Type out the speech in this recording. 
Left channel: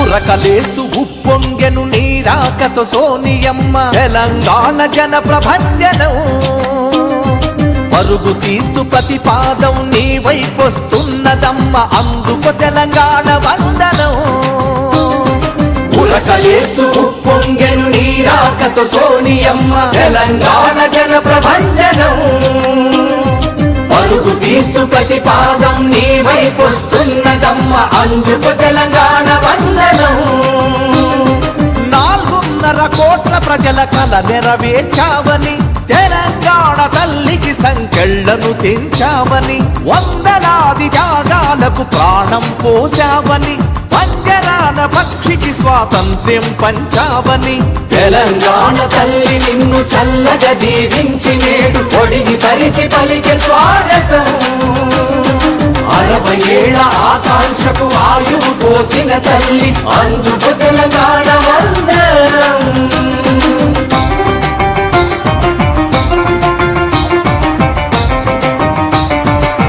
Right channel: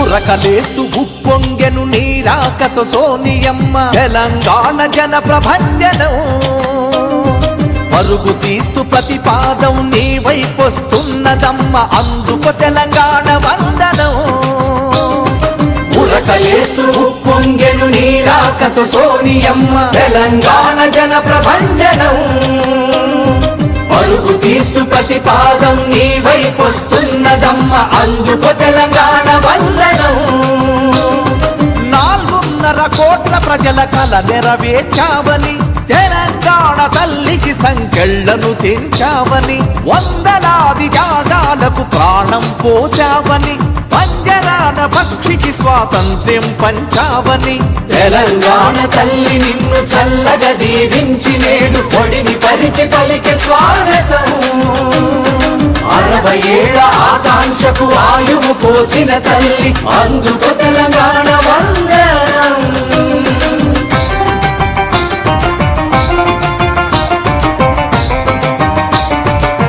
ఉరకలేస్తూ ఉప్పొంగెను నీరాకతో సోనియమ్మ తెలంగాణ జన ప్రభంజనం పరుగు తీస్తూ ప్రతిపాదం నీ వైపొస్తున్నదమ్మ అందుకు తెలంగాణ వందనం ఉరకలేస్తూ ఉప్పొంగెను నీరాకతో సోనియమ్మ తెలంగాణ జన ప్రభంజనం పరుగు తీస్తూ ప్రతిపాదం నీ వైపొస్తున్నదమ్మ అందుకు తెలంగాణ వందనం 4.5 కోట్ల ప్రజల కల నెరవేర్చావని తెలంగాణ తల్లికి సంకెళ్లను తెంచావని వందలాది త్యాగాలకు ప్రాణం పోసావని పంజరాన పక్షికి స్వాతంత్ర్యం పంచావని తెలంగాణ తల్లి నిన్ను చల్లగా దీవించి నేడు ఒడిని పరిచి పలికే స్వాగతం 60 ఏళ్ల ఆకాంక్షకు ఆయువు పోసిన తల్లి అందుకు తెలంగాణ